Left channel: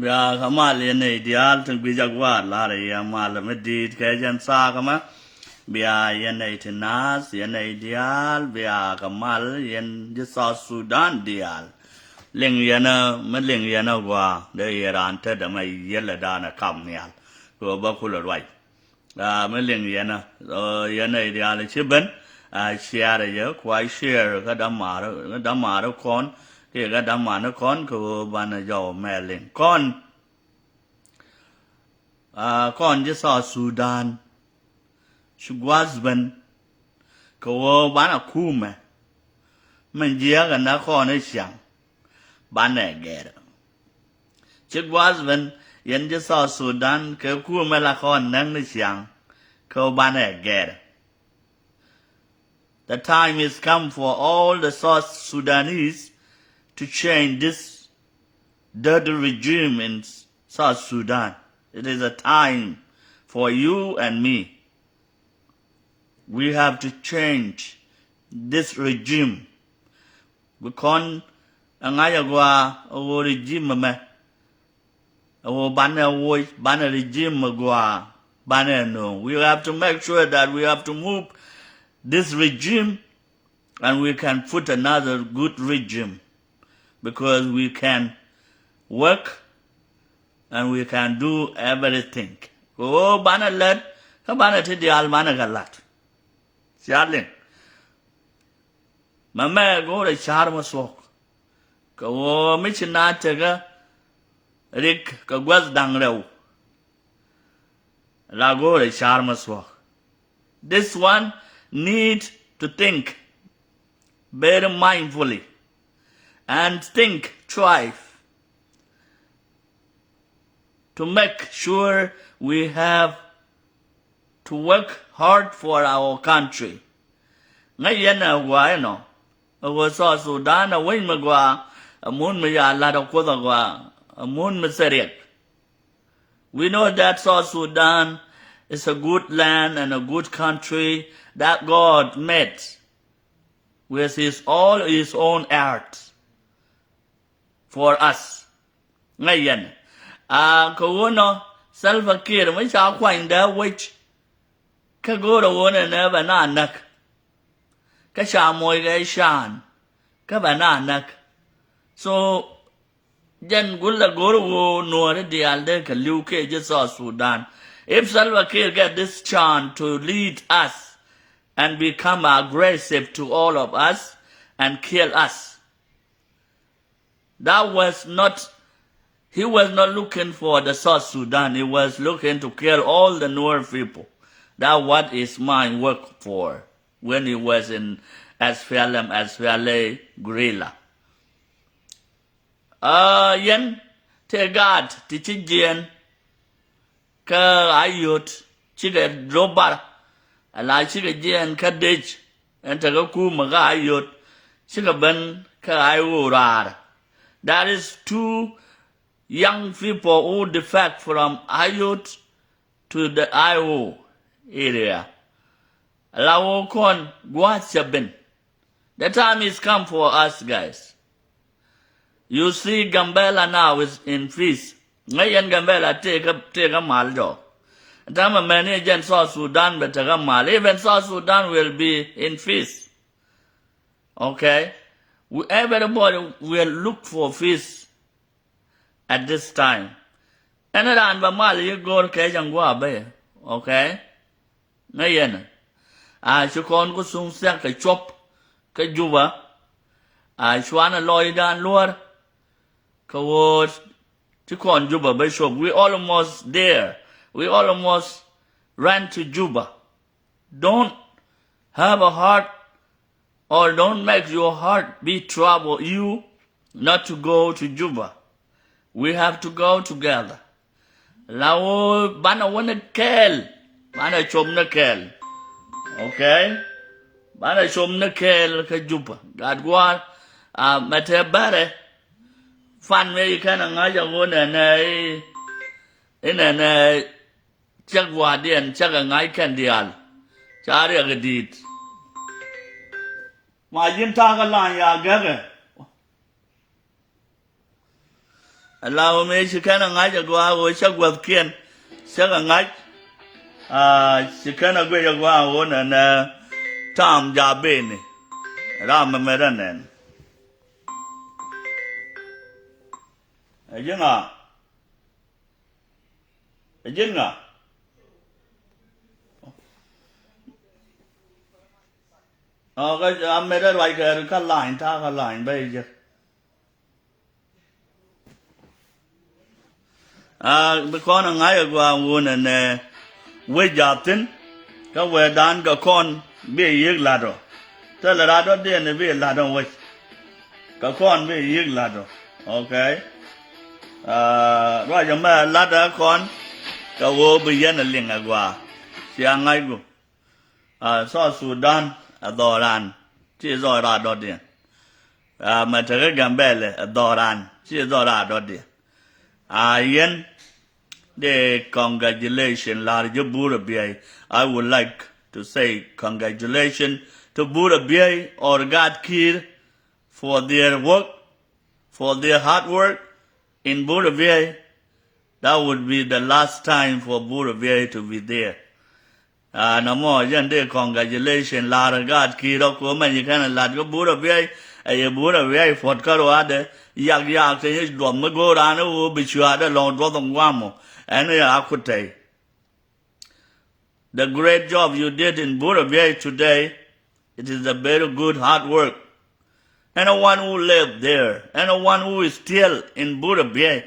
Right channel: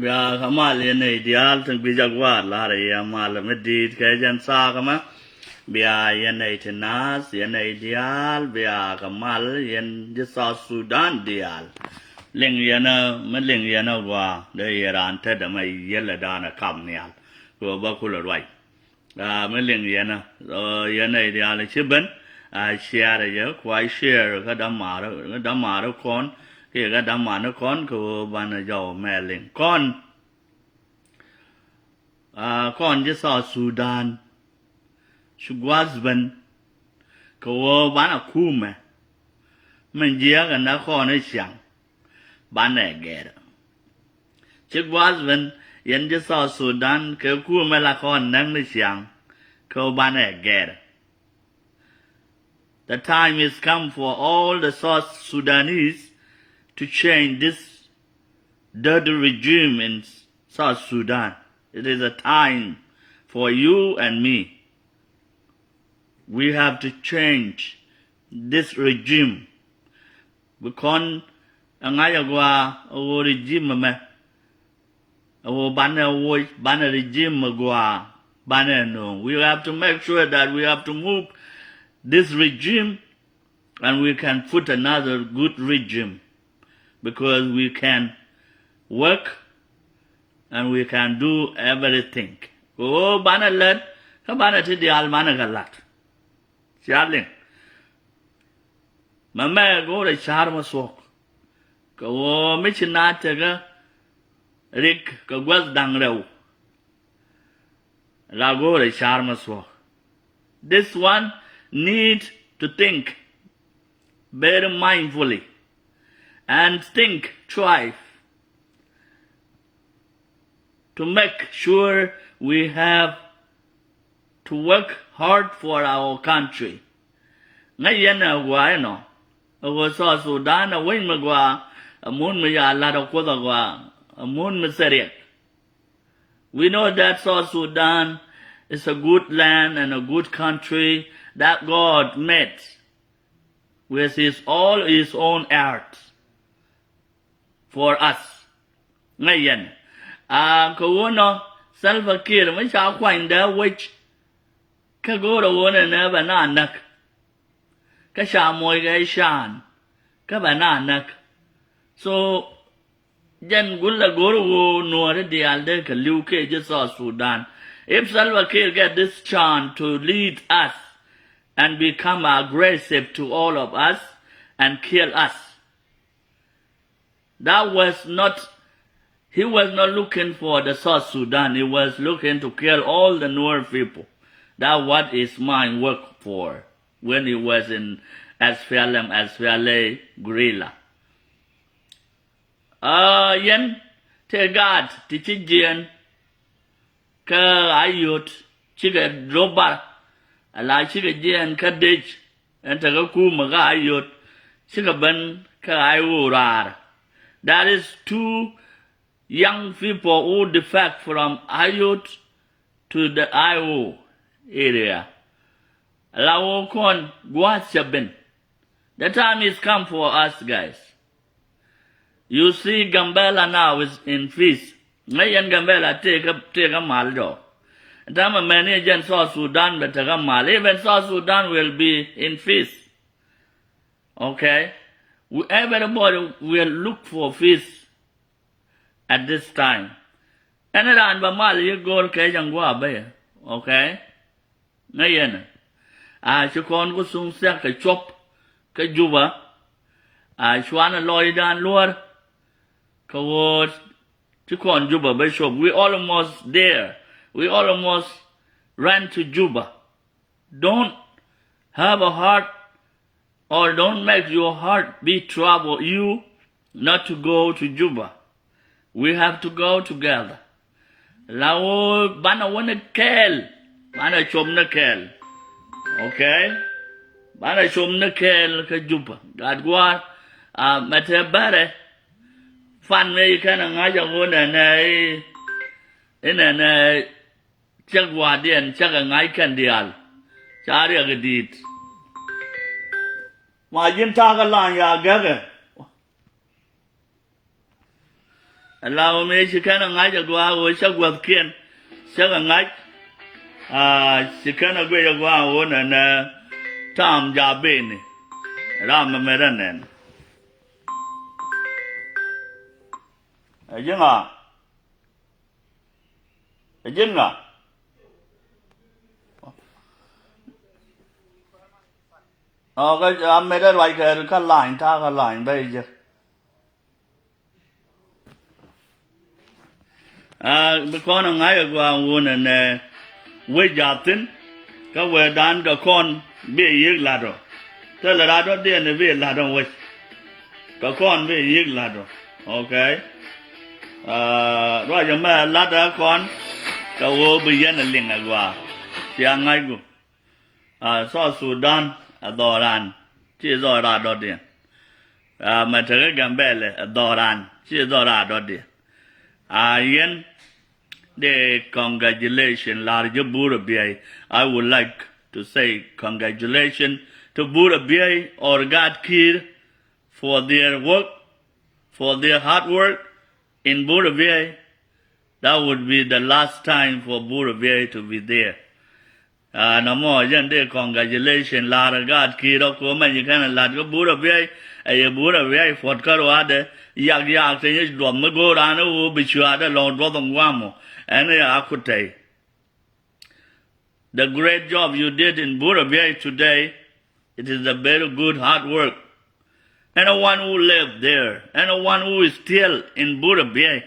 Bia kamal yene ideal tang bija gwar la re ya mal medit ke jan sa kama bia yene tenas yene ideal bia kamal yen de South Sudan ideal ling yana meling yana gwa de yaran te da mai yella dana kam nial go ba kula rwai meling yana yana ideal chiben share ye kwai share ka damar kon ke ga damar kon ko bana jo meling kon je South Sudan shugwazban ko bana kume man je ga na kon ne xiang bana gera shugwazban yen je South Sudan ke kume la kon nang ne xiang ko bana gera. The time is come for all the South Sudanese to change this dirty regime in South Sudan. It is a time for you and me. We have to change this regime. Because angayagwa o regime me o banner regime gwa banner no. We have to make sure that we have to move this regime and we can put another good regime because we can work and we can do everything. Oh, bana lad, ka bana ti dial bana galat. Charlin. Mama go the charm swok. Ko michina tega rik ka gwaz dang rew. La go the charm swok. This one need to think very mindfully and think twice to make sure we have to work hard for our country. Ngayena gwa no go South Sudan a wing magwa amun me ya la da ko da gwa amun me seriek. We know that South Sudan is a good land and a good country that God made with all his own earth for us. Ngayon, kuno Salva Kiir may siya kwang da which kaguro wona na bananak ka siya moy ga shan ka bananak so jan gulla goro Nuer dialde ka liuke je South Sudan. If Salva Kiir get this chance to lead us and become aggressive to all of us and kill us, he was not looking for the South Sudan. He was looking to kill all the Nuer people. That's what his mind worked for when he was in SPLA guerrilla. Yen tegad tichijian ka ayot chiga drobar ala chiga jian ka dich and taga kuma ga ayot chiga ban ka ayurar. That is two young people who defect from Ayut to the Io area. Lawo kon Guatsabin. The time is come for us, guys. You see Gambela now is in feast. Ngayon Gambela take a maldo. Tama manager South Sudan but take a mal. Even South Sudan will be in feast. Okay? Everybody will look for feast at this time. And around Bamal you go okay? ngay yen chứ con có sung xe cái chop cái juba chuan loy dan luar kawo chứ con juba by shop we almost there, we almost ran to Juba. Don't have a heart or don't make your heart be trouble you not to go to Juba. We have to go together. Lao bana wana kel, bana chom na kel, okay? Bana chom na kel ka Juba. God gwa mate bare fan me kana ngaja ngona na ina chagwa dian chaga ngai kan dial. Chari agadit. Ma jin ta ka lan ya gaga. Allow me she kana ngai jagwa wo chagwa kien. Chaga ngai she kana gwe jagwa wo na tam ja bene. Ram meranen. Ajinga. Ajinga. Cái mấy đó loại cái line ta cái line bây giờ bây con ngay ở qua nguồn này quê giáp tin cái quê đan cái con bị giết là rồi thế là ra đó tiền này bị là rồi quê cái con bị giết là rồi ok rồi giờ mà là đó con cái vô bây giờ là liền ở qua xem ngay cũng so Sudan Adoran, chỉ do ra đó đi. Mà thế cái bele Adoran, chỉ do ra đó đi. Yên, the congratulations, large Burabia. I would like to say congratulations to Burabia or God Kir for their work, for their hard work in Burabia. That would be the last time for Burabia to be there. No more de congratulations la God kiro ko man you can la go bura be bura be fort karo ade yak te do me go ran o bi chua de long do dong wamo and I could say the great job you did in Burabia today, it is a very good hard work. Anyone who lived there, anyone who is still in Burabia,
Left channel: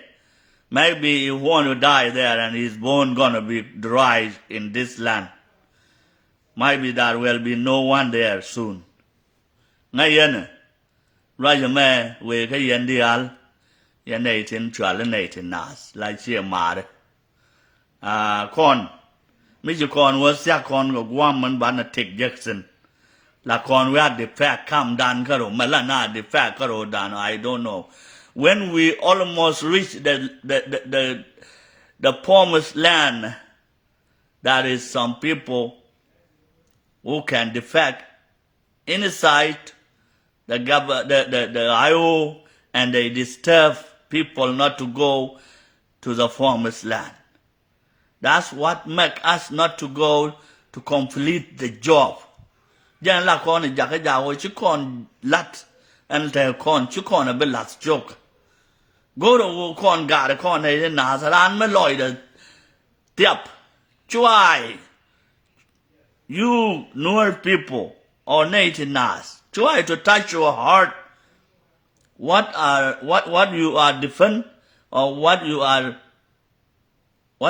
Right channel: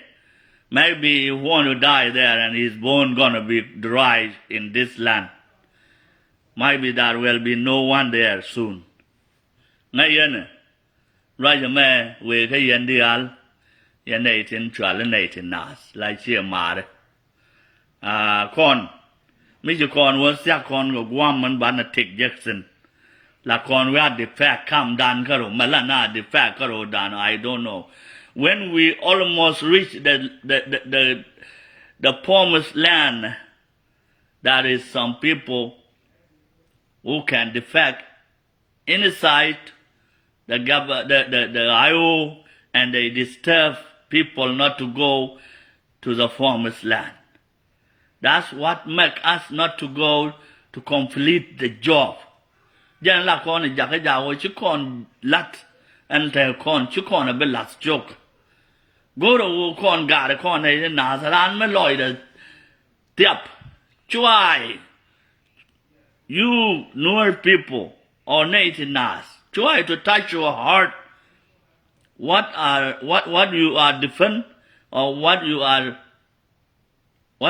maybe he want to die there and his bone gonna be dry in this land. Maybe there will be no one there soon. Ngay yen, right me we cái yen dial, yen này tin chua lên này tin nas, lại chia mà đấy. Con, mấy chú con was xa con của Guam mình bán là Tick Jackson. La con we had the fact come down karo, malana the fact karo down, I don't know. When we almost reached the promised land, there is some people who can defect inside the IO and they disturb people not to go to the promised land. That's what make us not to go to complete the job. Jan la con is jakaja chứ con lat and tell con chứ con a bit last joke. Go to con got a con này nazaran me loy the tiap. Try. You Nuer people or native Nas, try to touch your heart. What you are defend or what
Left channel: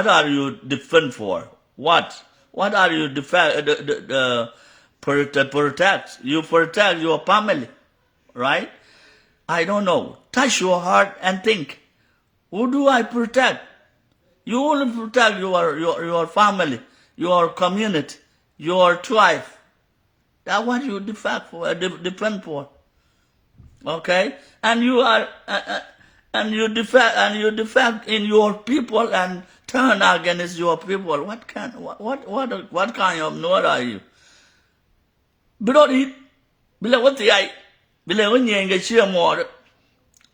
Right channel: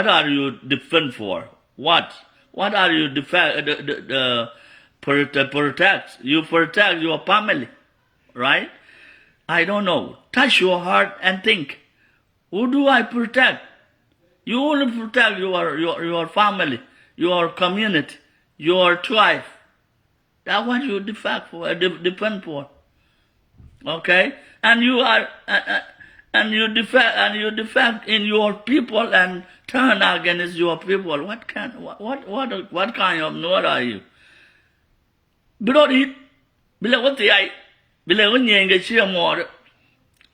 are you defend for? What are you defend protect? You protect your family, right? I don't know. Touch your heart and think, who do I protect? You only protect your family, your community, your tribe. That's what you defend for. Okay? And you are and you defend in your people and turn against your people. What kind of Nuer are you? Below it, below what the eye, below when you get sheer more.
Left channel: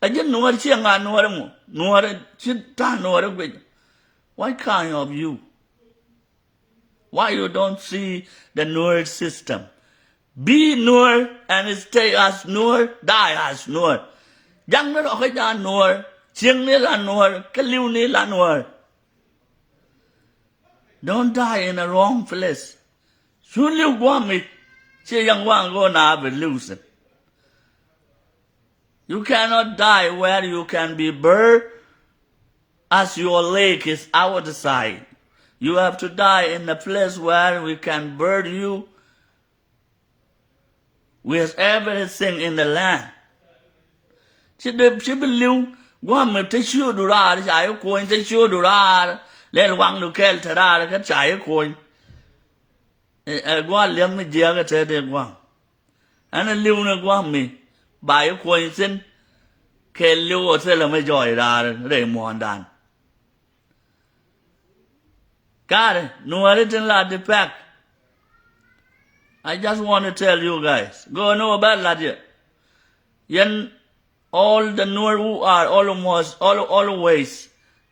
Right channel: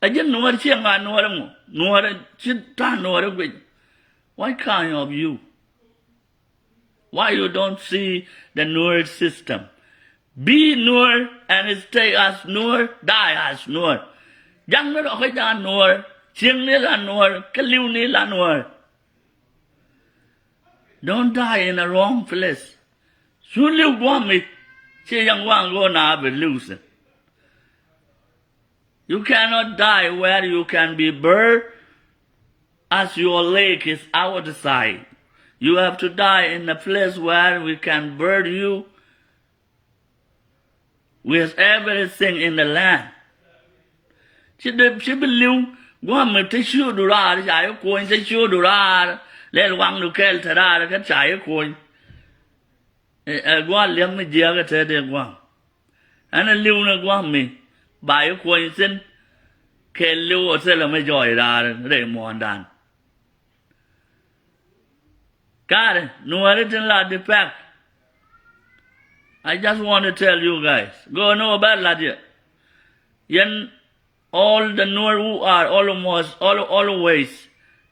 I didn't know what she and Nuer chitan Nuer with. What kind of you? Why you don't see the Nuer system? Be Nuer and stay as Nuer, die as Nuer. Young nó cái ra Nuer, chieng ni là Nuer, cái liu ni là Nuer. Don't die in a wrong place. Should you want me? Say young one go now be losing. You cannot die where you can be buried as your leg is outside. You have to die in a place where we can bury you with everything in the land. She believe one me tissue dura, I coin tissue dura, let one to kill Tara, can try a coin. A one let me dear at one. And a luna want me by a coincidence, kill you or tell me joy, Raymond Dan. God, no written lad the pack. I just want to tell you guys, go know about lad yet. All the Nuer who are always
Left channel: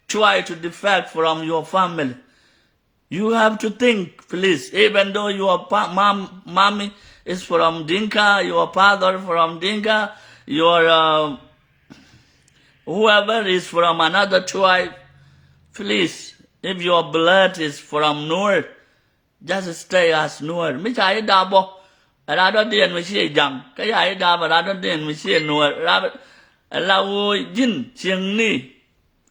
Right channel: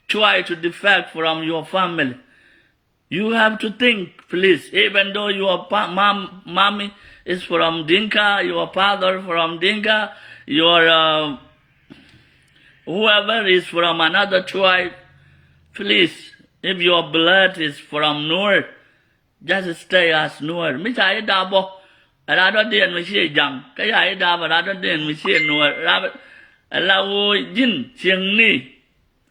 try to defect from your family. You have to think, please, even though your mommy is from Dinka, your father from Dinka, your whoever is from another tribe, please, if your blood is from Nuer, just stay as Nuer. Me chai dabo, rather than me say young. Kaya dabo rather than me say Nuer. Rather, allow jin ching ni,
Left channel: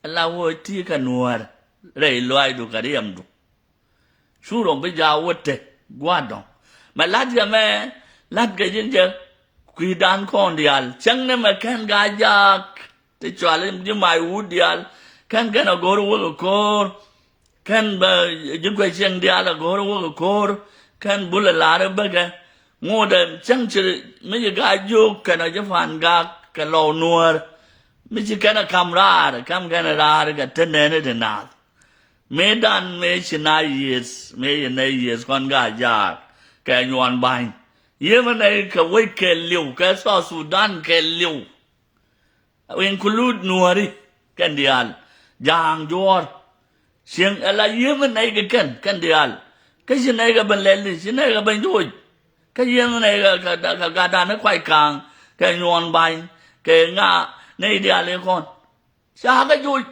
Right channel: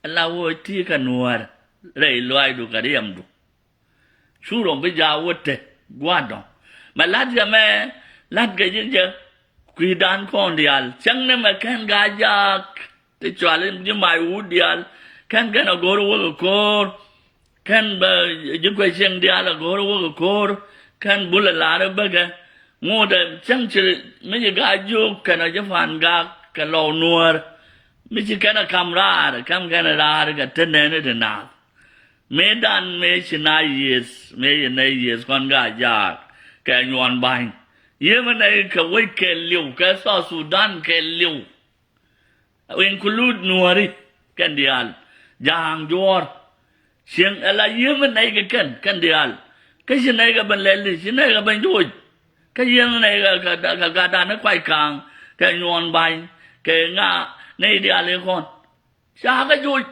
allow tika Nuer. Ray loy do kariam do. Sure be jawote guadon. Ma lad ya me lad gajinja kuidan kondial. Chang ne me ken gajak. Te chwalim di my woodial. Ken gana go to work core. Ken jukwe cheng dial go to work core. Ken bulla lara baga. More than chang chili me gajuk can I jafan gak kalo Nuer. Me kana kamrar kam gana rar ga tenene de nath. Me dan me china years, me years kon ga jak, ka yuan bang. Ye man ka wait ke liu, ka so Sudan ke liu. We include Nueri, kan dial. Jang jor. Sing ala ye man kan dial. Ka sina ga ban leli, sina ga ban joy. Ka ye man ka dan kwai kang, ka yuan bang, ka nga nei dial kon. Sa ga joy.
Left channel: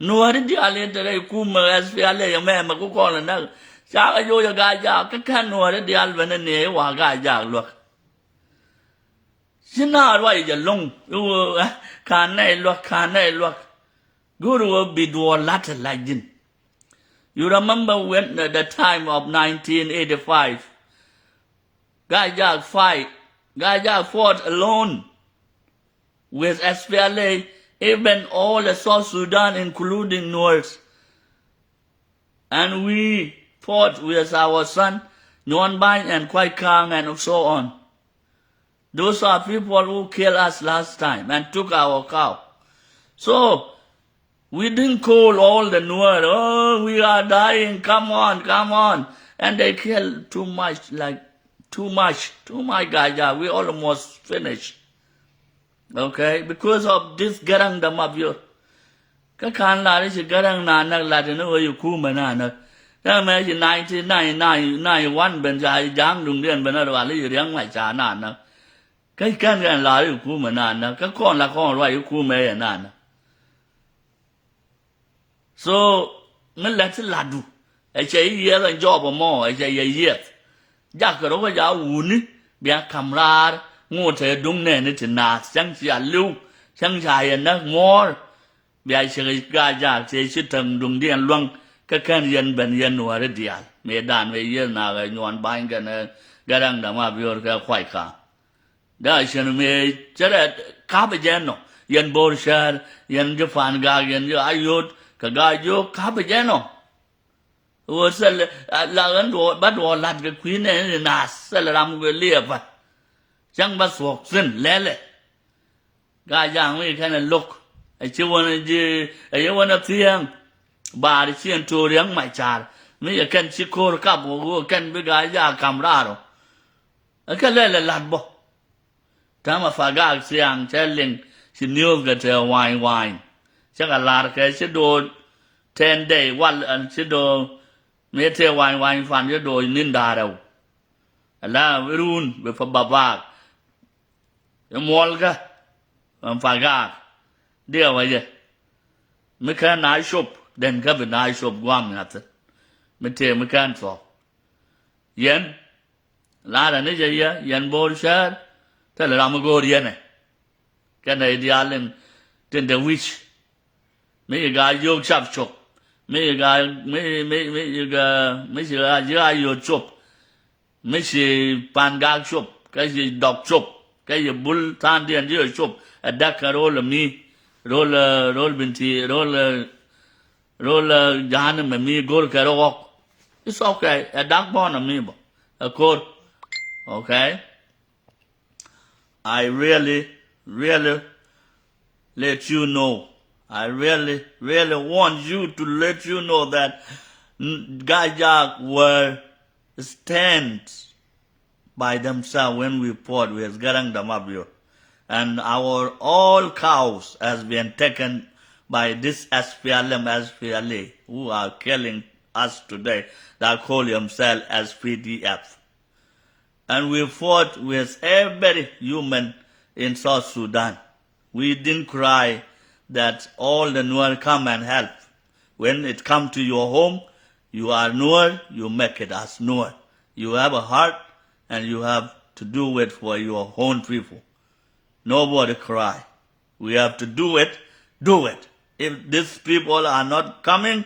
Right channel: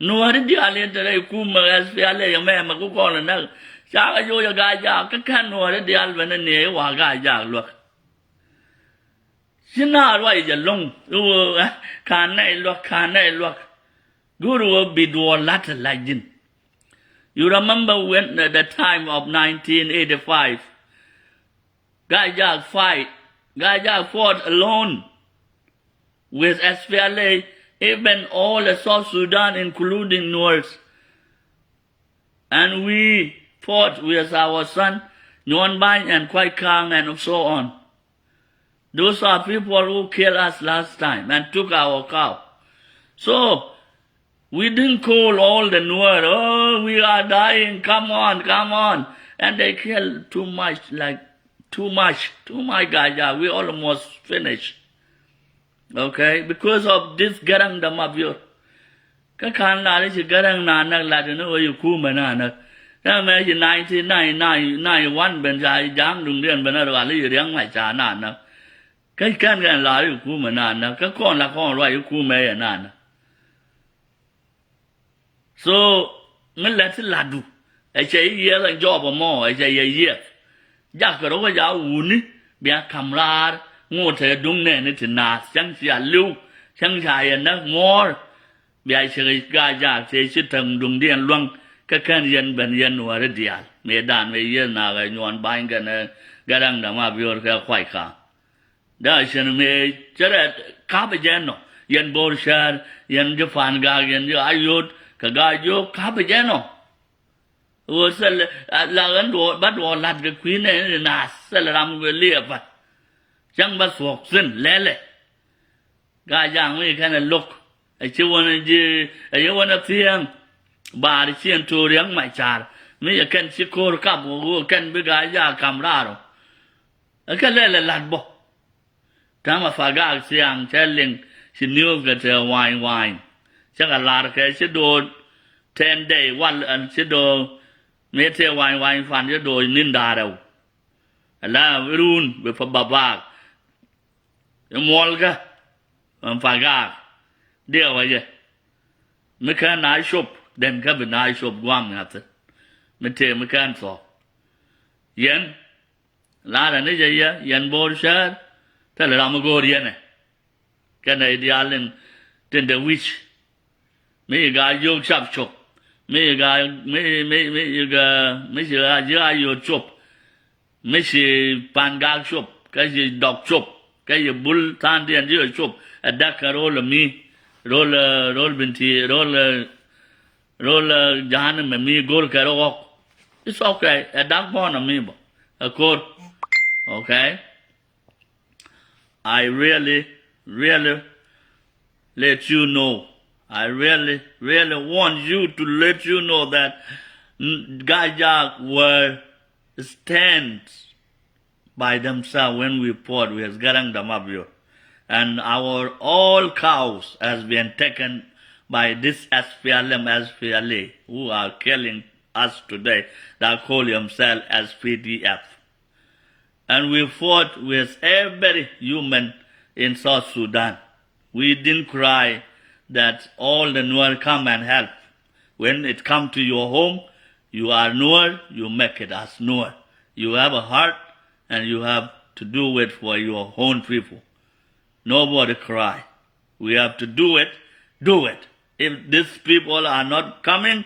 Nuer di ale tere kuma SPLA yang me ma ku ko na sa ga yo ya ga ja ka kan nuer di al ban ne wa ga ja lo sina wa ya long kan nei lo guru bi do lat la jin. You remember when the time of 1985 Gajak fought alone with SPLA. Even all the South Sudan, including Nuers. And we fought with our son, Nguyen Banh and Kwai Kang and so on. Those are people who killed us last time and took our cow. So, we didn't call all the Nuer, oh, we are dying, come on. And they killed too much Gajak, we almost finished. Okay, because of this garang dam of your Kakan la is garang nanak la no you kumana. Now imagine 1991 ben jai jang dung dian ben ra li riang mai cha na na. Cái gan la you kumana na ka kon la kon ra you kume na na. So mình let la du. Ai chơi ye la job mo ai chơi ye. Ja ka ro ga ja uni bia kamrar ngô thế đúng nè nó chỉ nát chẳng chỉ lưu chẳng chạy nó ngor bây giờ ga ja chế chỉ thằng đúng điên luang các con dân bên dân nuôi rồi đial mẹ đàn về dân nào cái nhọn bánh cái này cái đang đam mê biểu cái khoai cả đó là mẹ chắc là cá bây giờ nó dân bồn sơn dân cho phản gà dân cho ayut cái gà vô cá bây giờ nó rồi sẽ là cái đồ bắt đầu làm cái quý này nát sẽ là làm cái liệp vậy chẳng bắt suộc xin lẽ gà giang mấy cái này lục ai chưa wanna thiêng bà đi xiên trù riêng mày chả mấy cái cần chỉ cô cặp một cần với gà giang cầm ra rồi cái lẽ là lạt bỏ thằng mà phải gà xiang chơi liền xin nhiều cái chơi wine chắc là lạt cái sẽ đồ 10 day one sẽ đồ mấy chơi wine phản sẽ đồ nín đà đâu là run với phần bà bạc Molga, Fagar, dear way. Mekan I shop, then cabin I shop one at it. Mete mekan for. Yen, la da ne je ya yan bor shar ta la ma go riya ne ka ne dialen tin the witch me ga yo chap chop me ga me ga me ga yo chop me shi pan ga chop ka ji dog chop ka ji bul tan dian yo chop a da ka roll me roll binti roll jahan me me gol ka ro it's okay a dog born me bo a court okay I really let you know. I really want you to let you know that Gajak were stand by themselves when we fought with Garang Damabio. And our all cows has been taken by this SPLA, who are killing us today, that call themselves as PDF. And we fought with every human in South Sudan. We didn't cry that all the Nuer come and help. When it come to your home, you are Nuer, you make it as Nuer. You have a heart and you have to do it for your own people. Nobody cry. We have to do it. If these people are not coming,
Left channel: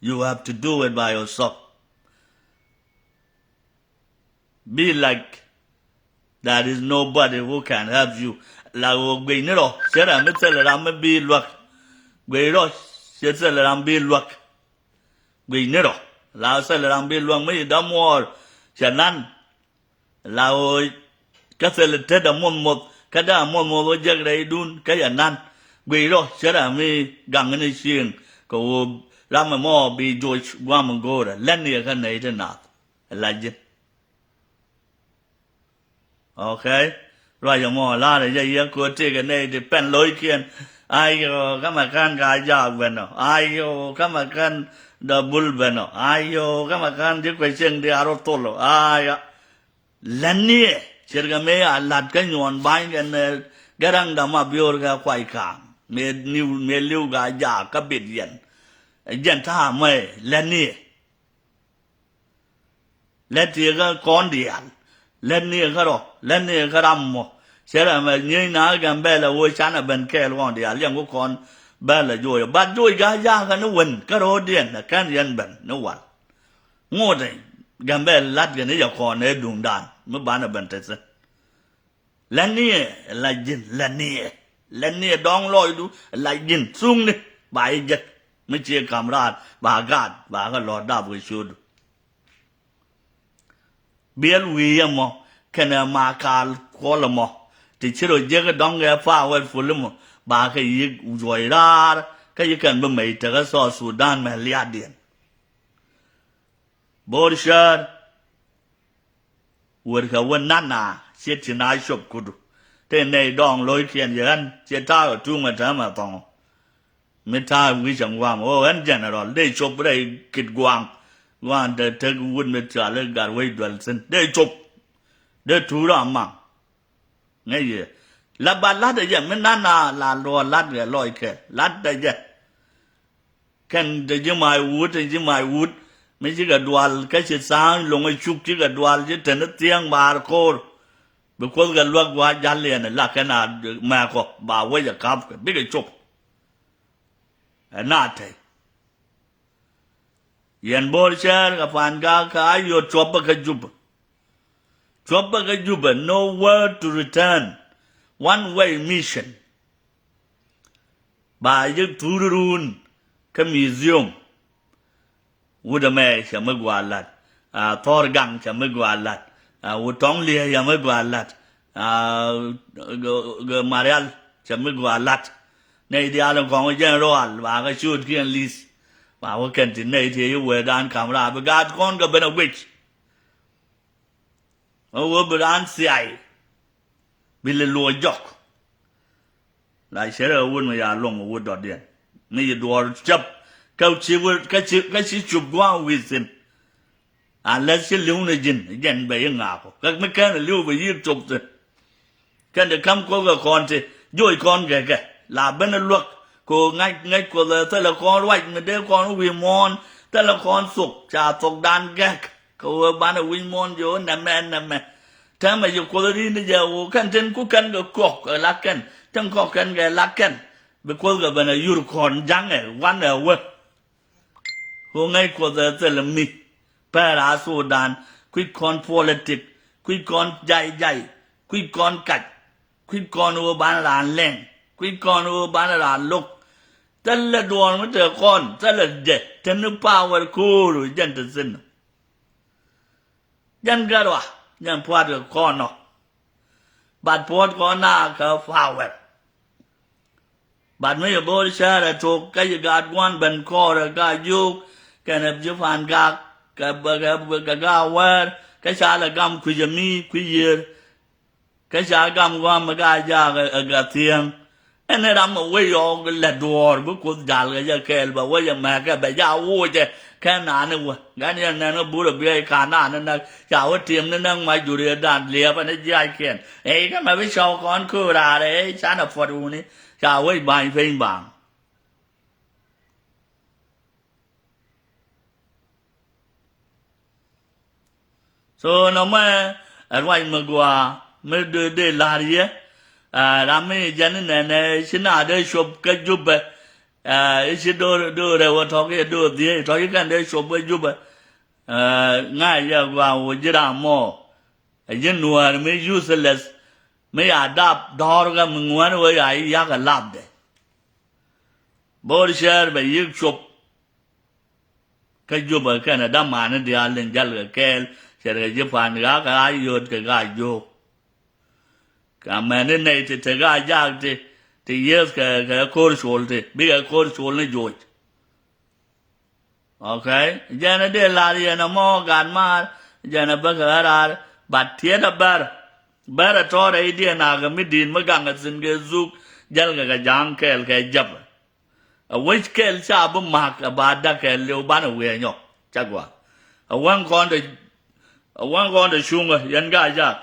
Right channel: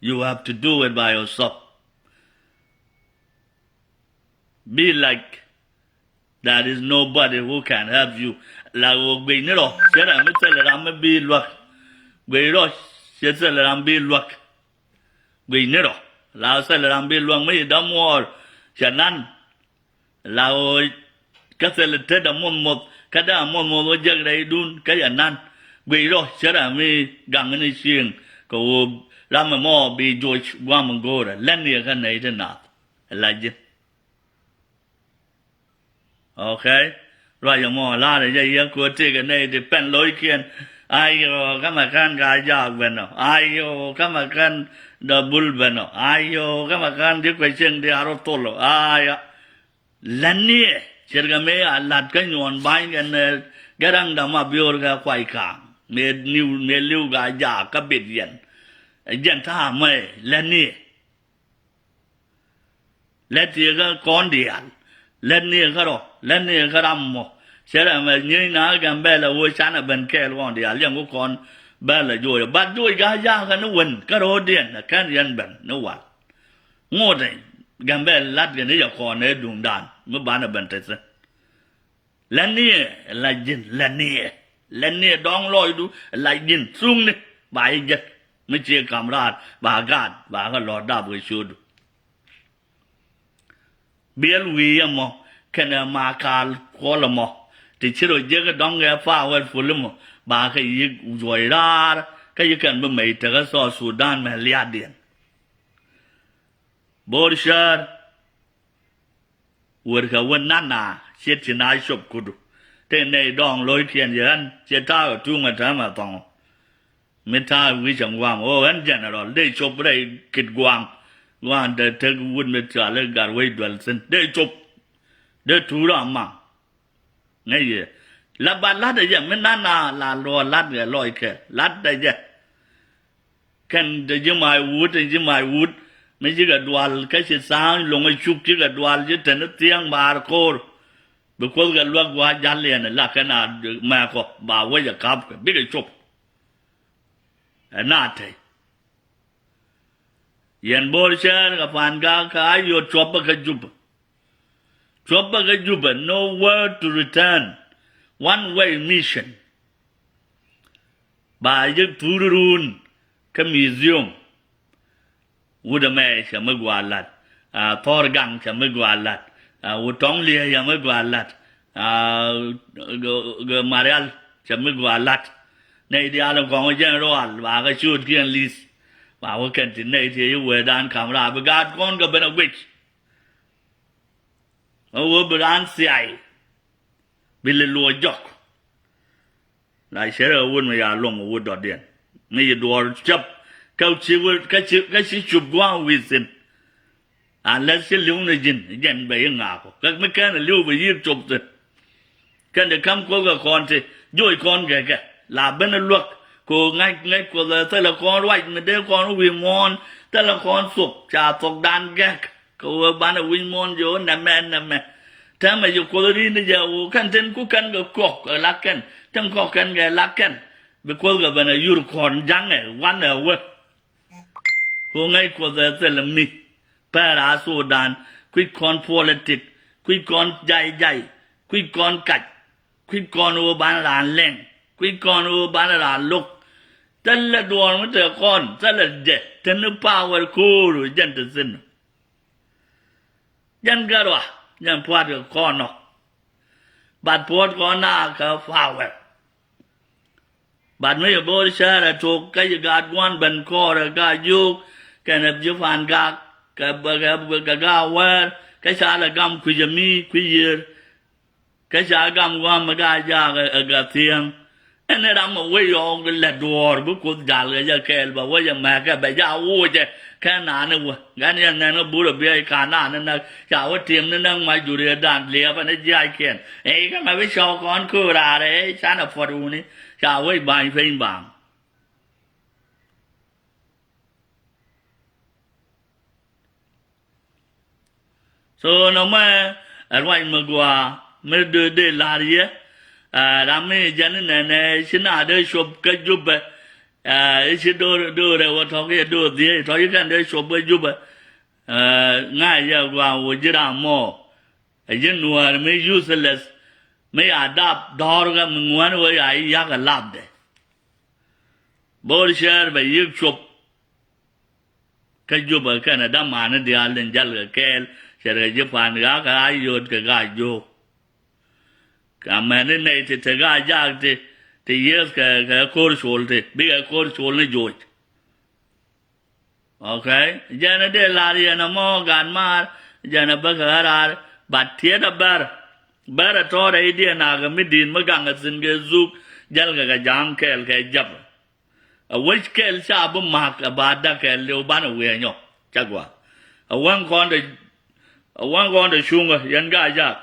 you have to do it by yourself. Be like there is nobody who can help you. La gbe ni ro se ra me tele ra me bi luak gbe ro se tele ra bi luak gbe ni ro la se le ra bi luak me da mo chanan la o ka se le te da mon mo ka da mon mo lo je re dun ka ya nan gbe ro se ra me gang ni sing ko la me mo bi jo gwa mo go ra len ni ka nei de na la je okay rồi giờ mò la để dây cô chơi cái này thì pen lối kiên ai yo các mà can gà già bên nào ai yo các mà can double bên nào ai yo các mà can đi quay chân đi aro tolo ai lần này chỉ cái mấy lạt cái nhọn bay cái răng đầm mà bior cái quay càng mẹ lưu gà già cái biệt diện tha mày lần này lần thì cái con điển lên này cái đó lên này cái đam mà sẽ là mà như nào cái bé là vui chán là bên kia luôn thì liền có con bé là vui bắt vui cái cái nó quên cái đó điên là cái điên bên nó quạt ngô này cái bé lát cái này giờ còn này đùng đàn mới bán ở bên thế chứ lên này là gì lên này đong lôi đu là gì sung này bài giật mới chia camera bà gạt bà cái lọt đạp với chuột biel wi mo kana ma kal ko mo ti chiro je ga dong ga fa wa fu mo ba ka yi joy ra ka yi kan ba mai ta ga so Sudan ma liya den bor shar wor ka won na che ti na shop kudu te nei dong loi kien yan che ta ga tu ma ta ma tong me ta wi chang wa mo an general dei shop dei kit gwang One the take wood metal gar way dwelson. They chop. They two among. Nay, la ba lad a yam, nana la law lad a loike, lad the yet. Can the my wood and my wood, make a dual, catch it sound, long a chook, a dual, yet and a tiang bar core. Because the log was jolly and a lacana marco, by way a cup, big a chop. A nate. Yen bor shar ka pan ga ka yo chopa ka juba no word to return one way mission ba ye turun ka museum wuda me cha me gwalat thor gang cha me gwalat wu tong lie ya me gwalat go marial cha me gwalat nei dia lo kong general ba ka shoot kian list và cái kiện tin này thì vừa đàn camera bị gạt con cái bên witch vừa bị đàn xài bị lừa dọc lại sẽ là quân mà nhà lồng mà quân đọt điện này đọt chấp câu chỉ chụp qua within lên sẽ lưu này dần bị ngã các mấy cái này lưu bị chụp rồi cái này không có cái con thì dối con cái là bên luật cô ngay cô là thế là con quay mình để con nó vì mòn thế là con sụp trà tộc đan gác ko bana win mon jo na me ta ma jo ko ri ni ja o kan ten ku kan go kok la ken tan ko kan ga la ken be ko ga bana yur kon jang e wan e we ko ngai ko da tel mi para Sudan quit con politic quit con jai quit con cạch quit con u ban là lên quit con u ban là lúc真là đùa mới chờ con真là dễ真là power cool rồi dân tự sinh dân cái đó dân phá được con nó bạn phá con nào cái phá vậy bạn mấy bố đi xe là chụp cái gì gạt quan bên co là cái dục cái này giúp phản gạt cái gạo cái xa là gam quy mi quy giờ cái xa gam qua mà cái giá cái tiền anh ấy làm một cái ông cái lật đuổi bữa cuối giờ cái giờ kêu bảo cái giờ mẹ cái bây giờ vui chứ cái nào nữa cái này nó bữa bây cái nào nó chào cái tiệm nó đang mà chủ đề đàn liệp anh ấy dạy khen ấy cái mà biết sau con cứ ra đấy sáng là phật u này chào cái bài phim bảng so nó mà ở ngoài mà qua mới đưa là gì á Rami dân này xin à đây shop cái giúp xin đưa đây vào thằng cái đưa gì thằng cái đây shop cái giúp ngay giờ vào giờ làm mò dân nuôi mới useless mới adapt đào cái mình muốn với ai cái làm đấy bồi share về yêu shop cái giúp cái này đã mà nó đi lên cái kêu sẽ cái giúp phản cái ai vô cái vô cả mẹ này thì cái giá thì yes cái course hole thì bây giờ course hole này rồi, ok, giờ này để lại thì nó mua gan mà giờ này bây giờ ra bắt thiệt là bär cho đấy đi nào cái mình đi mà gang cái xin cái giúp giờ cái giang cái jump, which cái sao bấm mark bắt đã cái liều bán ở ngoài nhóc chắc quá, one con để xuống rồi dân cái chắc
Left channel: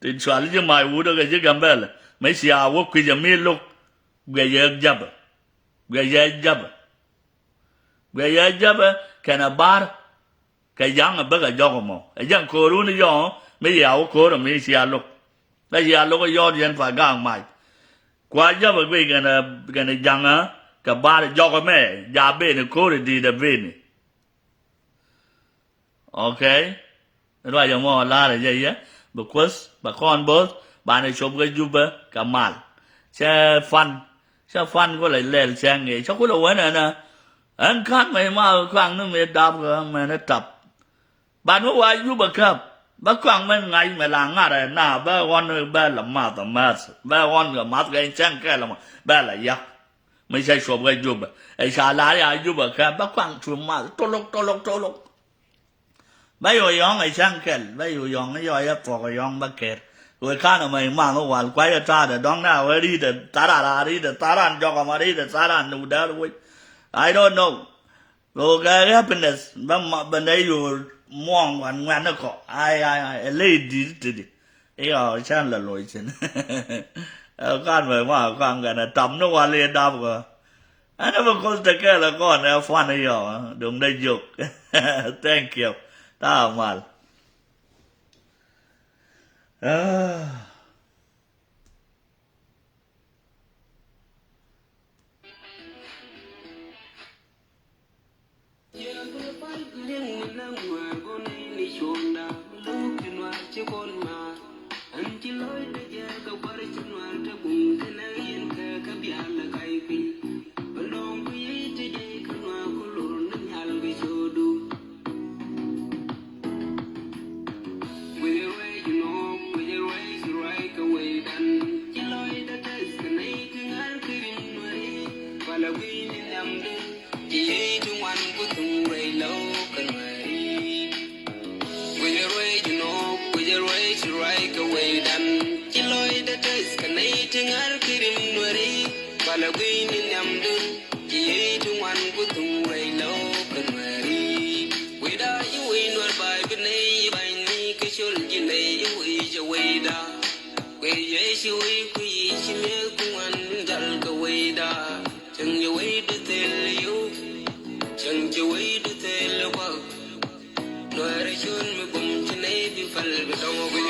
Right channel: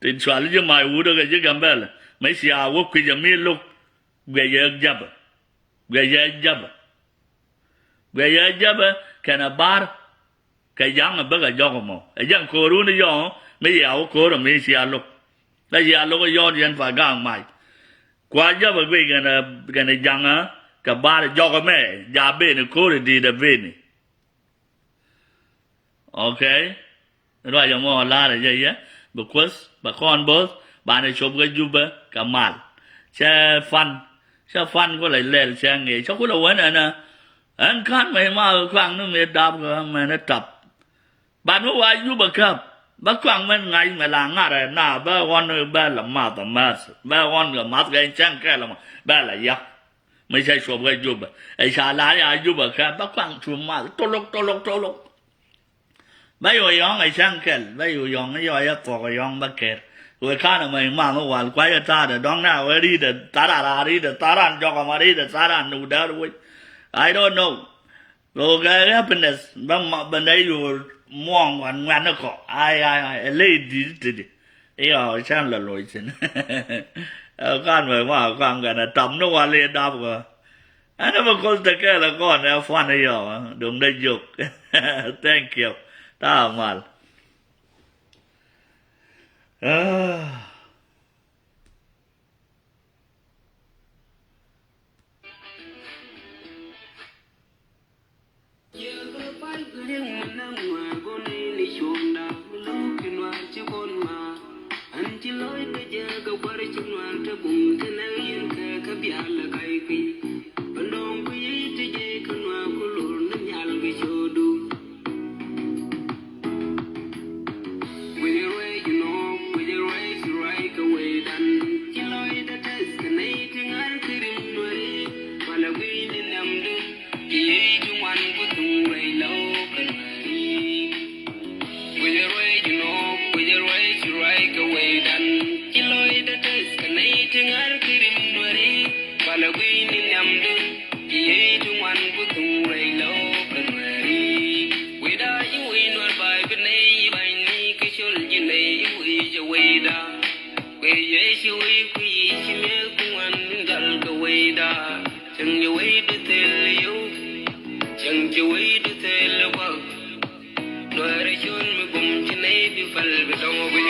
thì xóa lấy mai u đó cái gì gamble mấy xia wo quy giờ mi lúc bây giờ jab cái nào bar cái giang ở bên cái giang mà cái giang cô luôn đi giang mấy giờ cô rồi mấy xia lúc cái xia lúc cái giang dân phải gang mai qua jab cái này giang á cái bar giang cái mẹ giờ bên này cô đi để bên này ok rồi giờ mà la là gì á because bà con bớt bạn này chụp cái giúp cả màn xe fan có lại lên xe nghề sao có đâu ấy nè anh cắt mày mà khoang nó mày đạp rồi mày nó tập bạn có ai giúp bà cấp bà khoang mày ngày mày làm ngã rồi nào bà con bà làm mát bà con cái mát cái chân cái là bà là giặc mày sẽ chụp cái giúp ấy sao lại ai giúp bà cấp bà khoang chụp mát trôi lục bây giờ yong ai sang kẹt bây giờ yong cái yoi áp cái yong bắt kẹt rồi khá là mày mang cái hoàn quay ra ta để đón nào ở đi để ta ra cho cái mà đi để ta ra nụ đá rồi I don't know rồi cái happiness bên đây rồi mong hoàn ngoan nó có ai lấy đi ấy sang là lỗi xin con mày mà con cái này tầm nó qua lên đáp rồi anh nó mà con ta cái là con nó phan này rồi đừng đây dục thank you ta mal We're fal bi dongo